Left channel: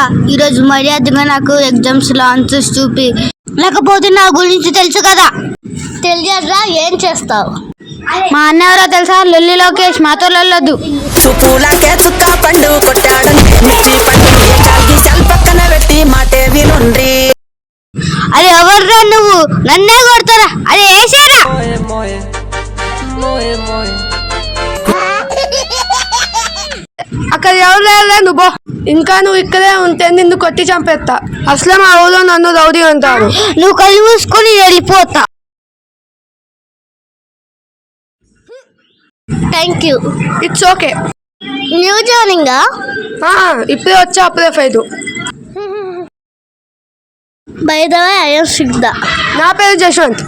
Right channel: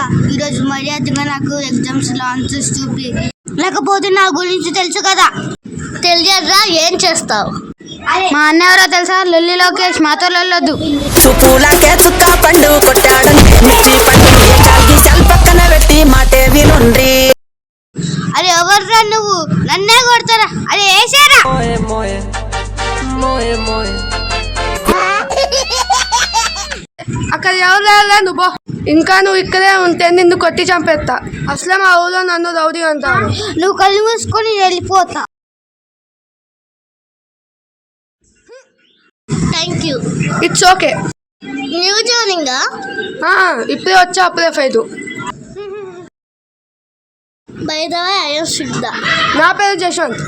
రా ఈరోజు మర్యాదగా నాకు ఎగ్జామ్స్ లో ఆన్సర్స్ చూపి, లేకపోతే నా గురించి తెలుసు కదా. తెలియదురా, ఏం చేస్తావు? మా అన్న ఎవరో తెలుసా? లొల్లి లోకేష్. మాతో లొల్లొద్దు. చూపులకే చుక్క పండు కొట్టాడంటే మిర్చి పండు చాల్కి సెల్ పక్కన పెట్టి మాటే వినుండ్రి. అరే ఎవర్రా నువ్వు? నన్నే కొడతారా? అరే వేసేరా. అక్కడ ఎవరు నువ్వు ఇంకా నువ్వు ఇక్కడే ఉంటే నిన్ను కొట్టి చంపేస్తా. అసలే మా ఊళ్ళో నన్ను రౌడీ అంటారు. నువ్వు కళ్ళు మూసుకొని వెళ్ళిపోతా. Thank you. It's okay. New joining ఇప్పుడే వచ్చా, అప్పుడే ఫైదు. By the way, I am Siddha. నా పేరు జశ్వంత్.